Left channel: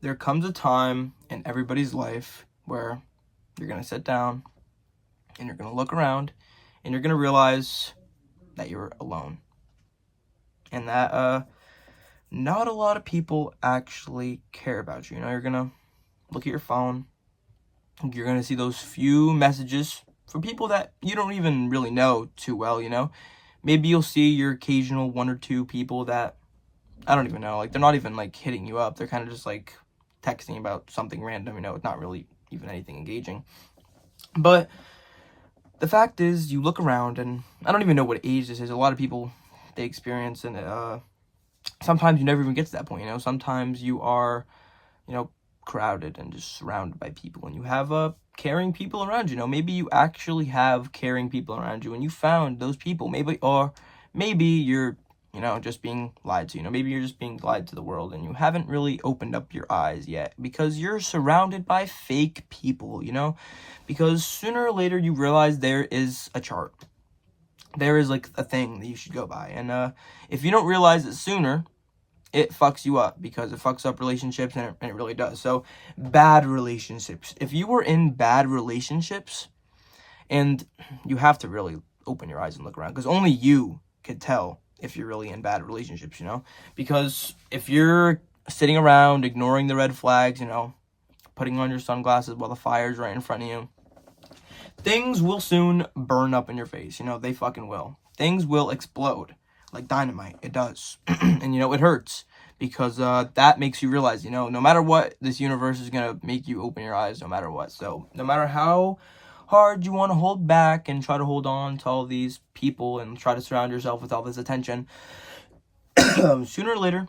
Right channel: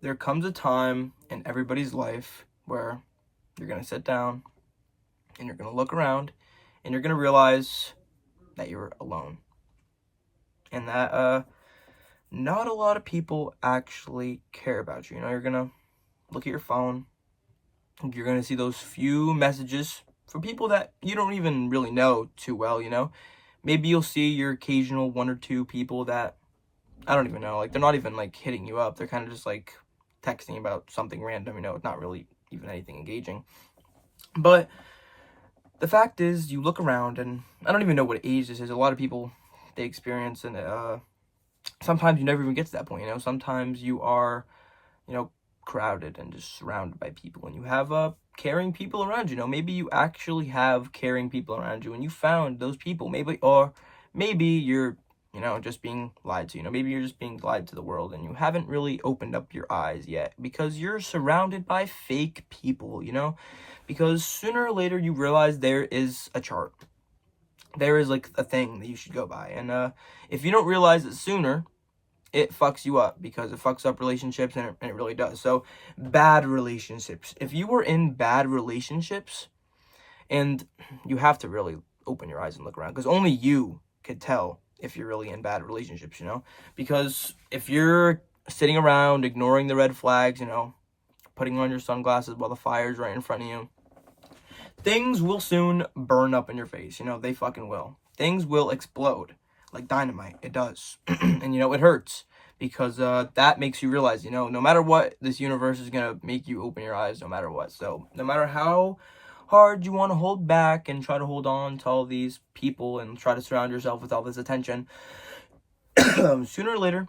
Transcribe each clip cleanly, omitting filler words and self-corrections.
there comes a time in everybody's life where you're going to sit down and you're going to look around and you're going to realize that you're alone. And that not a lot of people actually care about you. You know, you're going to look at your phone. You're going to see those few messages from people that you don't even really know too well, you know. Maybe you'll see your occasional one or two people that I don't even know. Like, they're not even, like, hitting you up. They're kind of just, like, texting about something random, you know. It's not really even anything engaging. But the fact is, you look around, and I don't even know what age this is. A lot of people, they experience, and sometimes you never even get to that point, you know. Sometimes you are, you know, crowded and just surrounded by people, and you have caring people around you. You know, maybe you actually have caring people around you, and you found those people. Maybe you're, you know, just being lied to. You know, maybe you're just being lied to the world, and you haven't really opened up your eyes yet because you're surrounded by fake people. You know, because sooner or later you realize there is a chart. There is like a thing that you should go by, and if you don't realize it sooner, it fucks you up because it fucks up relationships, and it really does. So, bad relationships. If you were in bad relationships, and you have to really open your eyes and look around because only you could tell if you're really in bad relationships, you know? Because if you're sitting around ignoring the red flags, you know, putting on your sunglasses while the fire's right in front of you, things will soon burn up in your face. You know, they fucking will. Things will explode like dynamite. It does. And, you know, it hurts because that makes you realize, you know, no matter what, this universe is going to make you open your eyes no matter what. So no matter how hard you want to hold back and try to hold on to all these people and try to surround yourself with all this attention, sooner or later,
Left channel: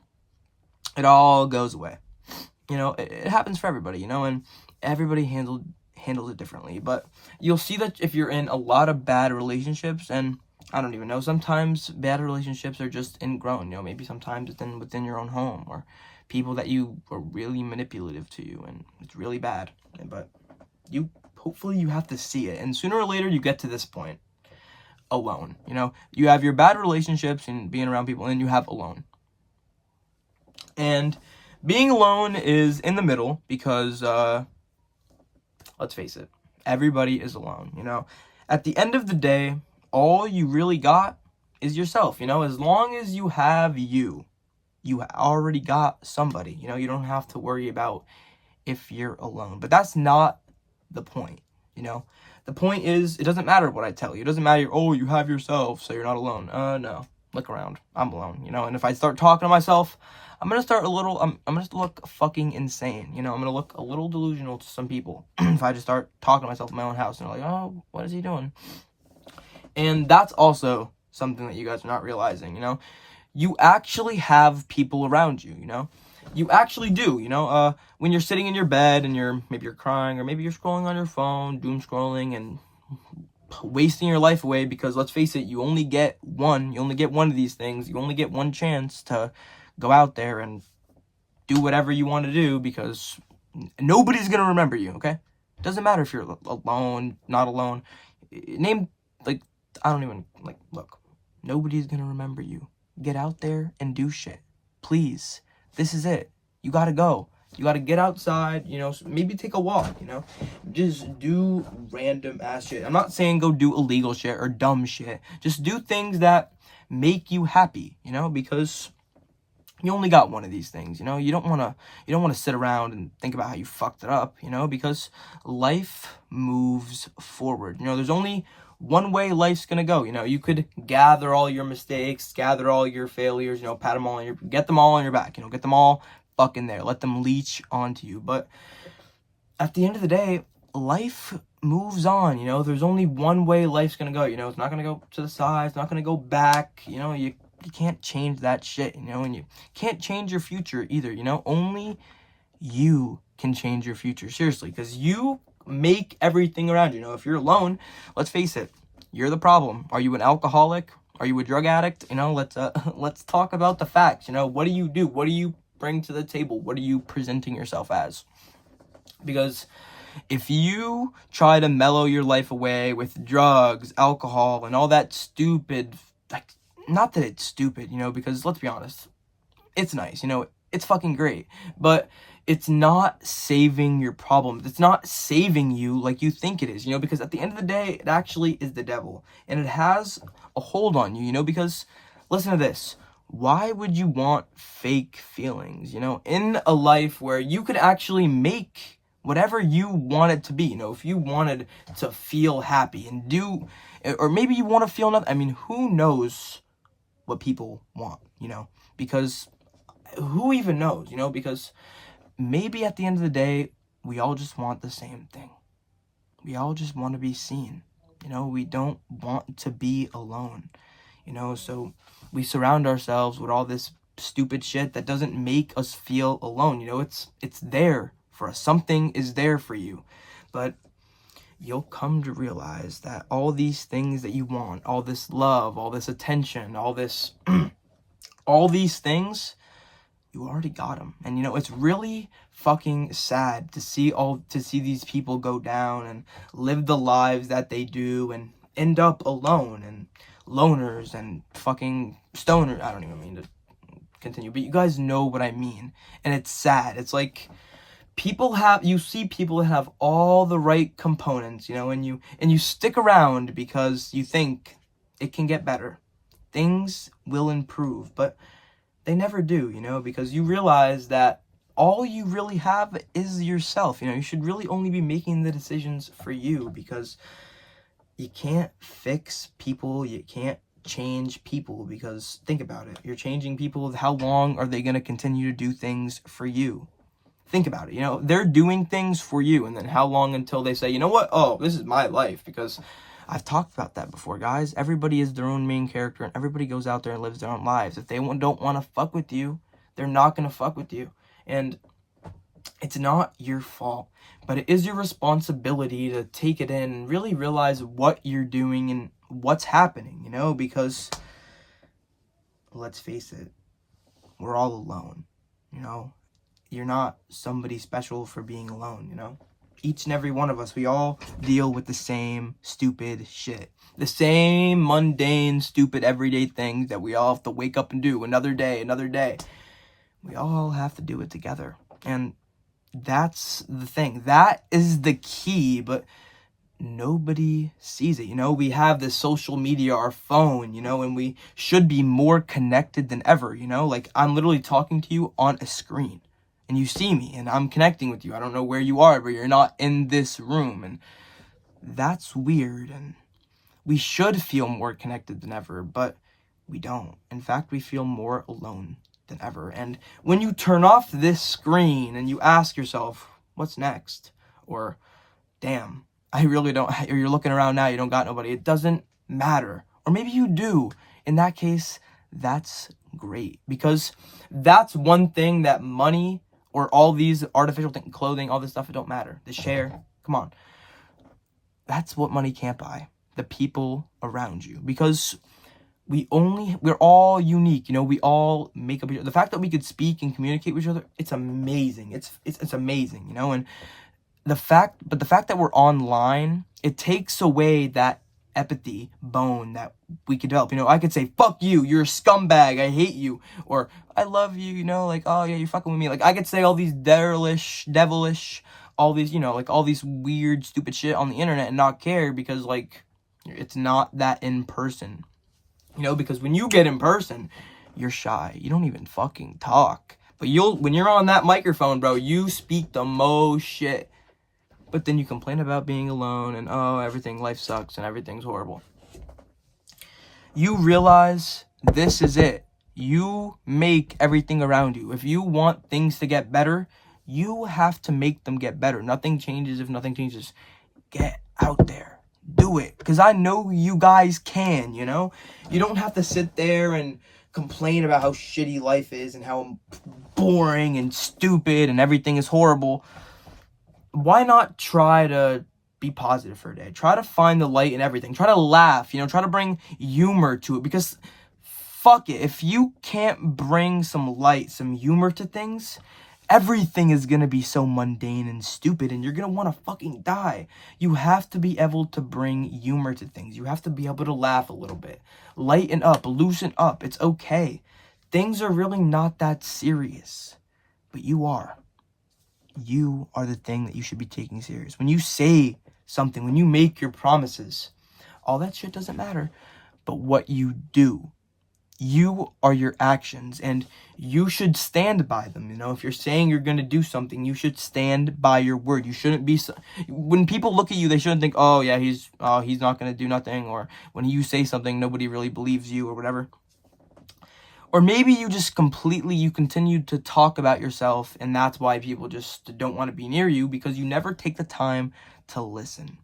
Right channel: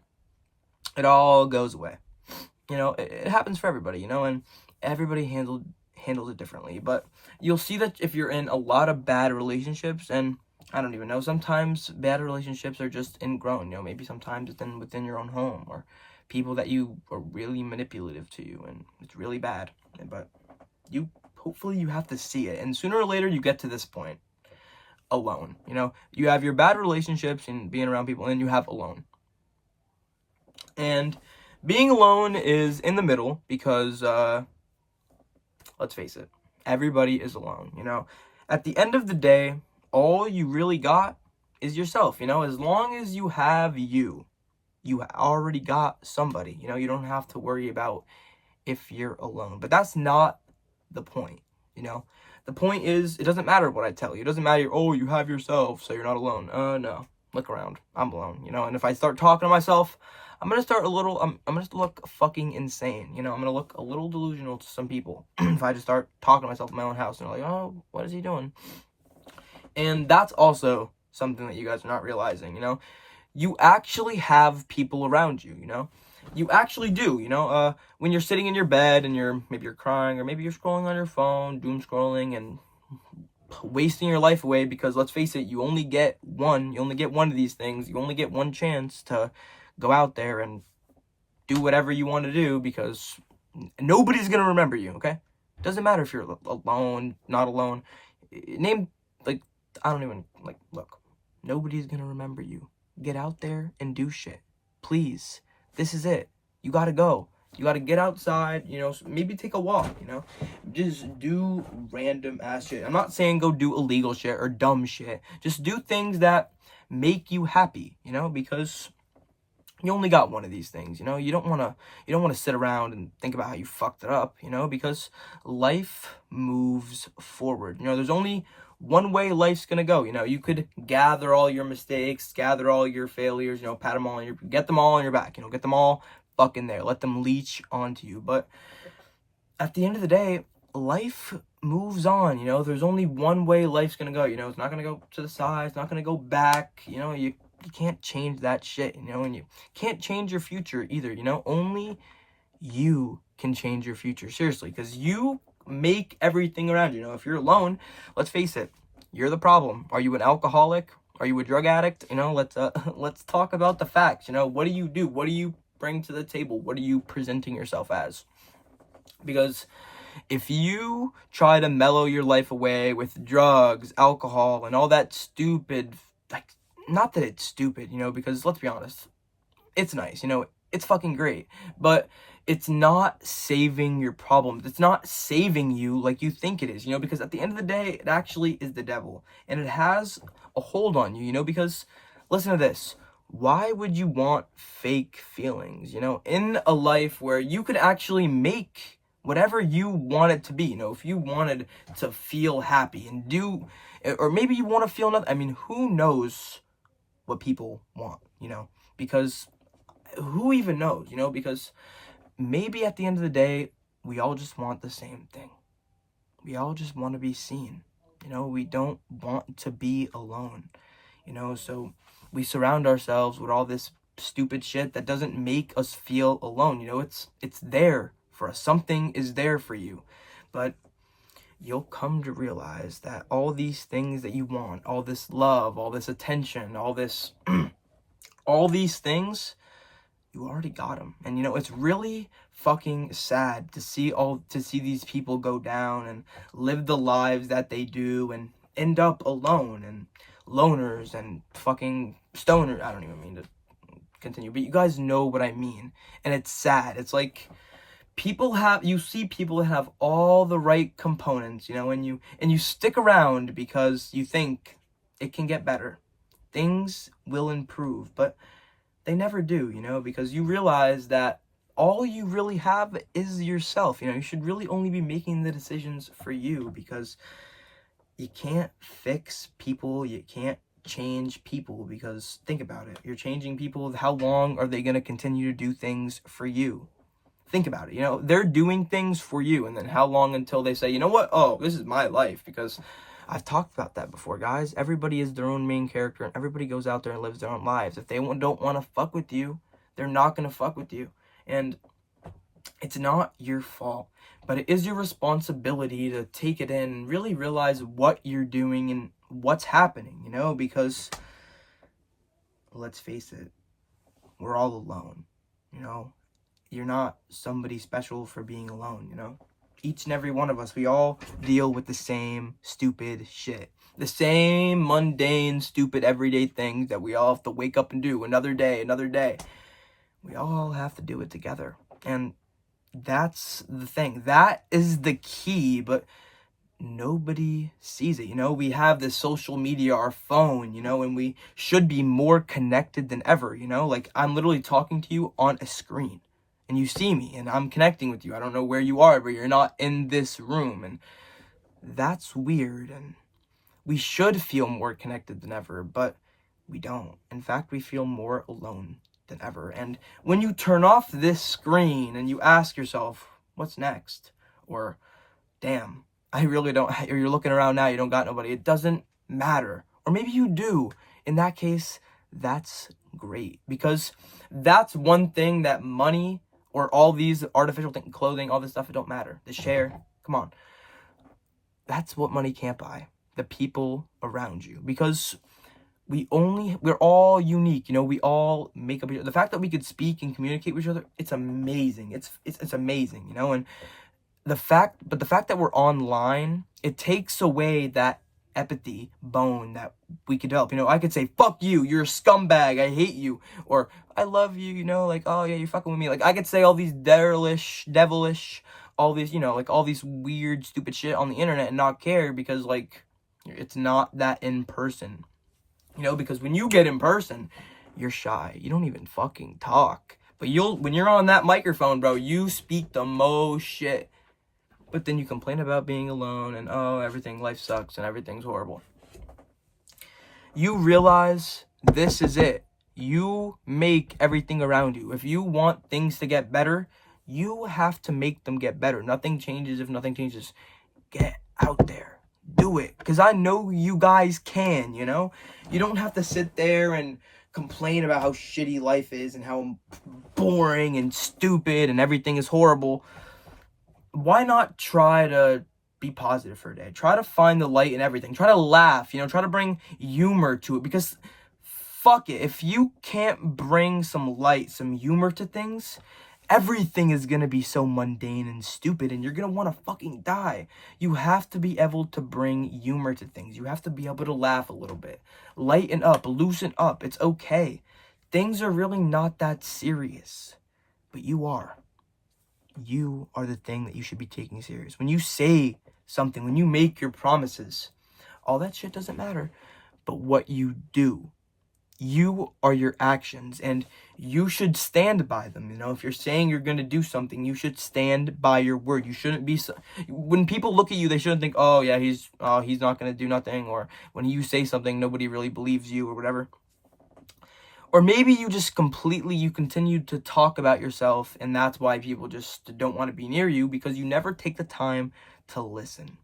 it all goes away. You know, it happens for everybody, you know, and everybody handles it differently. But you'll see that if you're in a lot of bad relationships, and I don't even know, sometimes bad relationships are just ingrown, you know, maybe sometimes it's within your own home, or people that you are really manipulative to you, and it's really bad. But hopefully you have to see it, and sooner or later you get to this point, alone. You know, you have your bad relationships and being around people, and you have alone. And being alone is in the middle because, let's face it, everybody is alone, you know. At the end of the day, all you really got is yourself, you know. As long as you have you already got somebody, you know. You don't have to worry about if you're alone. But that's not the point, you know. The point is, it doesn't matter what I tell you. It doesn't matter, oh, you have yourself, so you're not alone. No. Look around. I'm alone, you know. And if I start talking to myself, I'm gonna start I'm gonna look fucking insane, you know. I'm gonna look a little delusional to some people if I just start talking to myself in my own house, and they're like, oh, what is he doing? And that's also something that you guys are not realizing, you know. You actually have people around you, you know. You actually do, you know. When you're sitting in your bed and maybe you're crying, or maybe you're scrolling on your phone, doom scrolling and wasting your life away, because let's face it, you only get one of these things. You only get one chance to go out there and do whatever you want to do, because nobody's gonna remember you. Okay, doesn't matter if you're alone, not alone. Name, like, I don't even, like, look, nobody's gonna remember you. Get out there and do shit, please. This is it. You gotta go. You gotta get outside, you know, maybe take a walk, you know. Just do random ass shit. I'm not saying go do illegal shit or dumb shit. Just do things that make you happy, you know, because you only got one of these things, you know. You don't want to sit around and think about how you fucked it up, you know, because life moves forward. You know, there's only one way life's gonna go. You know, you could gather all your mistakes, gather all your failures, you know, get them all on your back, you know, get them all fucking there, let them leech onto you. But at the end of the day, life moves on, you know. There's only one way life's gonna go, you know. It's not gonna go to the side, it's not gonna go back, you know. You can't change that shit, you know, and you can't change your future either, you know. Only you can change your future, seriously, because you make everything around you. You know, if you're alone, let's face it, you're the problem. Are you an alcoholic? Are you a drug addict? You know, let's talk about the facts. You know, what do you do? What do you bring to the table? What are you presenting yourself as? Because if you try to mellow your life away with drugs, alcohol, and all that stupid, like, not that it's stupid, you know, because let's be honest, it's nice, you know, it's fucking great. But it's not saving your problems. It's not saving you like you think it is, because at the end of the day, it actually is the devil. And it has a hold on you, because listen to this. Why would you want fake feelings, in a life where you could actually make whatever you want it to be, if you wanted to feel happy and do, or maybe you want to feel nothing. I mean, who knows what people want, because who even knows, because maybe at the end of the day, we all just want the same thing. We all just want to be seen. We don't want to be alone. So we surround ourselves with all this stupid shit that doesn't make us feel alone. It's there for us. Something is there for you. But you'll come to realize that all these things that you want, all this love, all this attention, all this all these things, you already got them. And it's really fucking sad to see these people go down and live the lives that they do and end up alone and loners and fucking stoners. I don't even mean to continue, but you guys know what I mean. And it's sad. It's like you see people that have all the right components, and you stick around because you think it can get better. Things will improve, but they never do, because you realize that all you really have is yourself. You should really only be making the decisions for you, because you can't fix people. You can't change people, because think about it. You're changing people. How long are they going to continue to do things for you? Think about it. They're doing things for you. And then how long until they say, you know what? Oh, this is my life, because I've talked about that before, guys. Everybody is their own main character, and everybody goes out there and lives their own lives. If they don't want to fuck with you, they're not going to fuck with you. And it's not your fault, but it is your responsibility to take it in and really realize what you're doing and what's happening, because let's face it, we're all alone, You're not somebody special for being alone, Each and every one of us, we all deal with the same stupid shit. The same mundane, stupid, everyday things that we all have to wake up and do another day. We all have to do it together. And that's the thing. That is the key, but nobody sees it. We have this social media, our phone, and we should be more connected than ever, Like, I'm literally talking to you on a screen. And you see me, and I'm connecting with you. I don't know where you are, but you're not in this room. And that's weird. And we should feel more connected than ever, but we don't. In fact, we feel more alone than ever. And when you turn off this screen and you ask yourself, what's next? Or, damn, I really don't, or you're looking around now, you don't got nobody. It doesn't matter. Or maybe you do. In that case, that's great. Because that's one thing that money or all these artificial things, clothing, all this stuff, it don't matter. The share, come on. That's what money can't buy. The people around you. Because we're all unique, we all make up. The fact that we could speak and communicate with each other, it's amazing. It's amazing, and the fact that we're online, it takes away that empathy bone that we could develop. I could say, fuck you, you're a scumbag, I hate you, or I love you, like, oh yeah, you're fucking with me. Like, I could say all these devilish, all these, like, all these weird, stupid shit on the internet and not care, because, like, it's not that in person. Because when you get in person, you're shy. You don't even fucking talk. But when you're on that microphone, bro, you speak the most shit. But then you complain about being alone and, life sucks and everything's horrible. You realize this is it. You make everything around you. If you want things to get better, you have to make them get better. Nothing changes if nothing changes. Get out there. Do it. Because I know you guys can, You don't have to sit there and complain about how shitty life is and how boring and stupid and everything is horrible. Why not try to be positive for a day? Try to find the light in everything. Try to laugh, try to bring humor to it, because fuck it. If you can't bring some light, some humor to things, everything is going to be so mundane and stupid, and you're going to want to fucking die. You have to be able to bring humor to things. You have to be able to laugh a little bit. Lighten up, loosen up. It's okay. Things are really not that serious, but you are. you are the thing that you should be taking serious. When you say something, when you make your promises, all that shit doesn't matter. But what you do, you are your actions, and you should stand by them. You know, if you're saying you're going to do something, you should stand by your word. You shouldn't be, when people look at you, they shouldn't think, oh yeah, he's not going to do nothing. Or when you say something, nobody really believes you or whatever. Or maybe you just you continue to talk about yourself, and that's why people just don't want to be near you, because you never take the time to listen,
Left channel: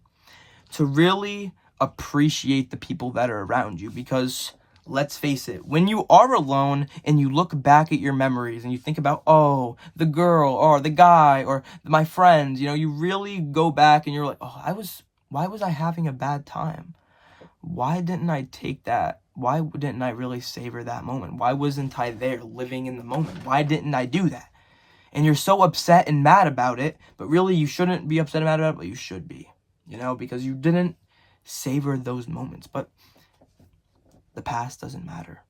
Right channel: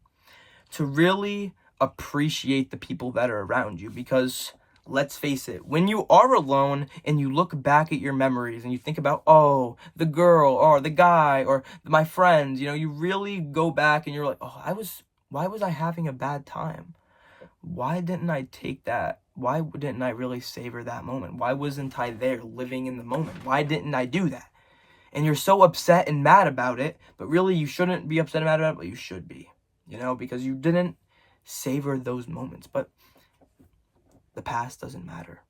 to really appreciate the people that are around you. Because let's face it, when you are alone and you look back at your memories and you think about, oh, the girl or the guy or my friends, you know, you really go back and you're like, oh, why was I having a bad time? Why didn't I take that? Why didn't I really savor that moment? Why wasn't I there living in the moment? Why didn't I do that? And you're so upset and mad about it, but really you shouldn't be upset and mad about it, but you should be, you know, because you didn't savor those moments. But the past doesn't matter.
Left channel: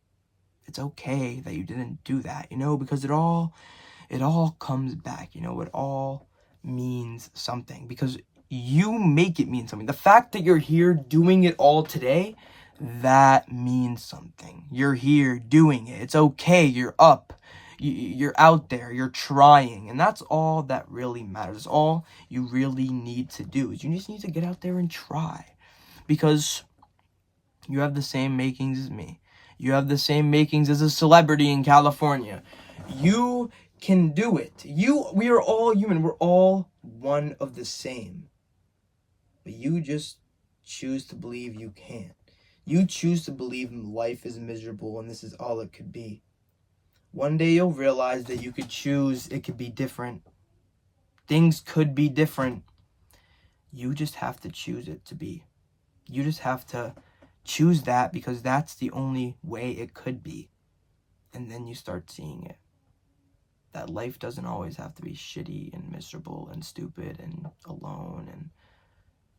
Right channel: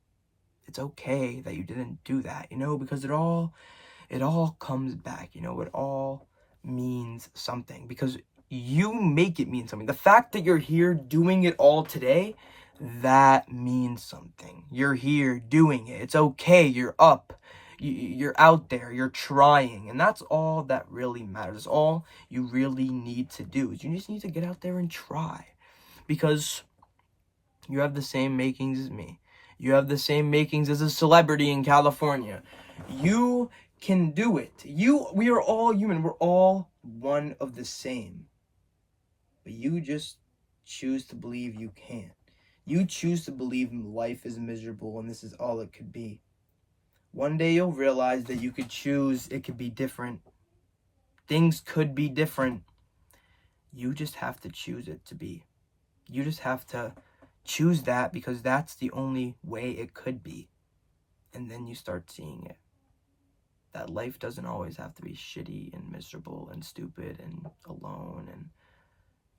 It's okay that you didn't do that, you know, because it all comes back, you know, it all means something, because you make it mean something. The fact that you're here doing it all today, that means something. You're here doing it. It's okay. You're up. You're out there. You're trying. And that's all that really matters. All you really need to do is you just need to get out there and try. Because you have the same makings as me. You have the same makings as a celebrity in California. You can do it. We are all human. We're all one of the same. But you just choose to believe you can't. You choose to believe life is miserable and this is all it could be. One day you'll realize that you could choose. It could be different. Things could be different. You just have to choose it to be. You just have to choose that, because that's the only way it could be. And then you start seeing it. That life doesn't always have to be shitty and miserable and stupid and alone, and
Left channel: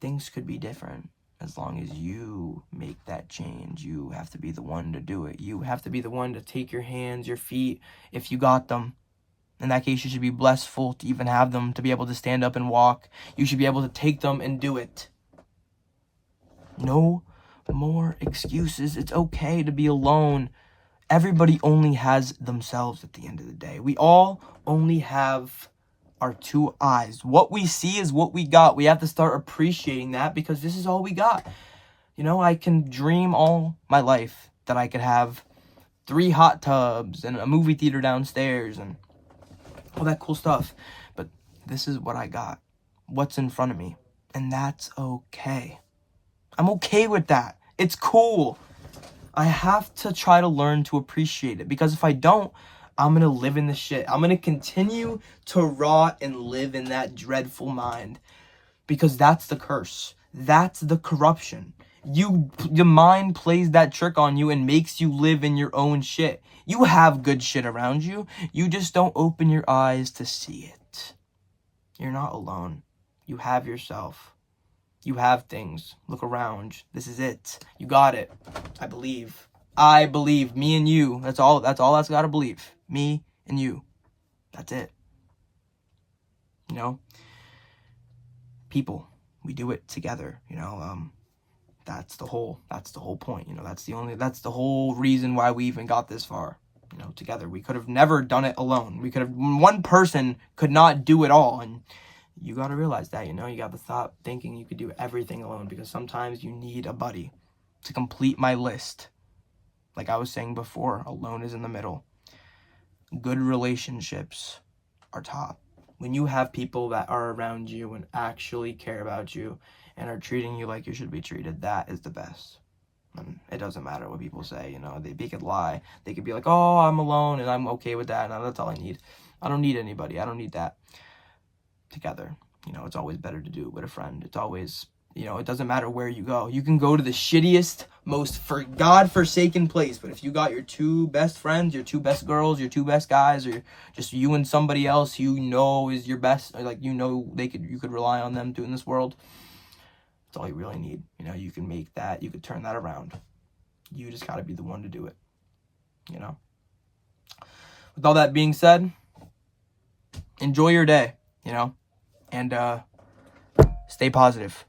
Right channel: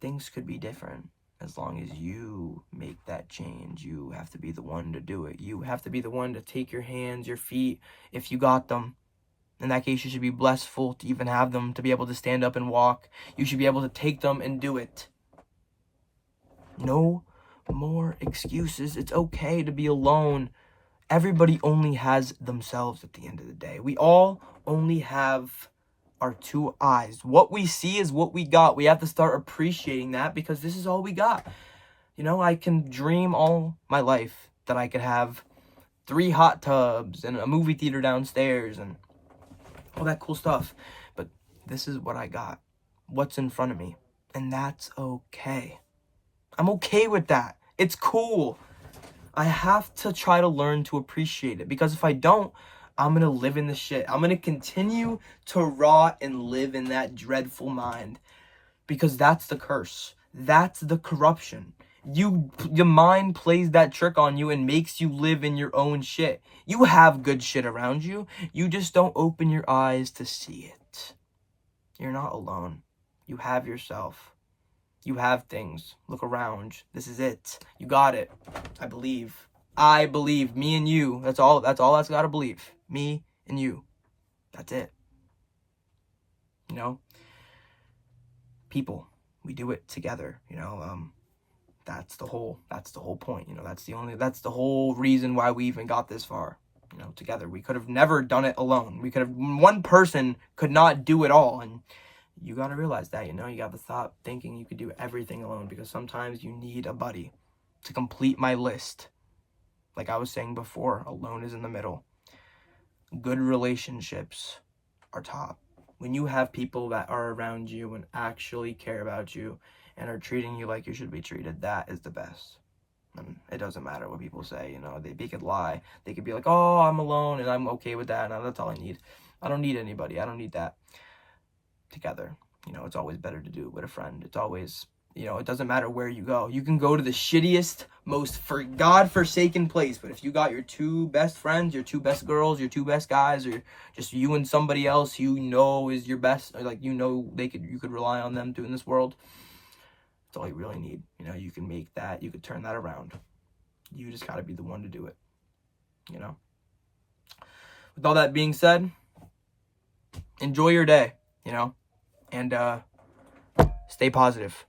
things could be different as long as you make that change. You have to be the one to do it. You have to be the one to take your hands, your feet, if you got them. In that case, you should be blessful to even have them, to be able to stand up and walk. You should be able to take them and do it. No more excuses. It's okay to be alone. Everybody only has themselves at the end of the day. We all only have our two eyes. What we see is what we got. We have to start appreciating that, because this is all we got. You know, I can dream all my life that I could have 3 hot tubs and a movie theater downstairs and all that cool stuff. But this is what I got. What's in front of me. And that's okay. I'm okay with that. It's cool. I have to try to learn to appreciate it, because if I don't, I'm going to live in the shit. I'm going to continue to rot and live in that dreadful mind, because that's the curse. That's the corruption. Your mind plays that trick on you and makes you live in your own shit. You have good shit around you. You just don't open your eyes to see it. You're not alone. You have yourself. You have things. Look around. This is it. You got it. I believe. Me and you. That's all that's got to believe. Me and you. That's it. You know? People. We do it together. You know, that's the whole point. You know, that's the whole reason why we even got this far. You know, together. We could have never done it alone. One person could not do it all, and you got to realize that, you know, you got to stop thinking you could do everything alone, because sometimes you need a buddy to complete my list. Like I was saying before, alone is in the middle. Good relationships are top. When you have people that are around you and actually care about you and are treating you like you should be treated, that is the best. And it doesn't matter what people say, you know, they could lie. They could be like, oh, I'm alone and I'm okay with that. And that's all I need. I don't need anybody. I don't need that. Together, you know, it's always better to do it with a friend. It's always, you know, it doesn't matter where you go. You can go to the shittiest, most God-forsaken place, but if you got your 2 best friends, your 2 best girls, your 2 best guys, or just you and somebody else you know is your best, like, you know, you could rely on them too in this world. That's all you really need. You know, you can make that, you could turn that around. You just got to be the one to do it, you know. With all that being said, enjoy your day. and stay positive.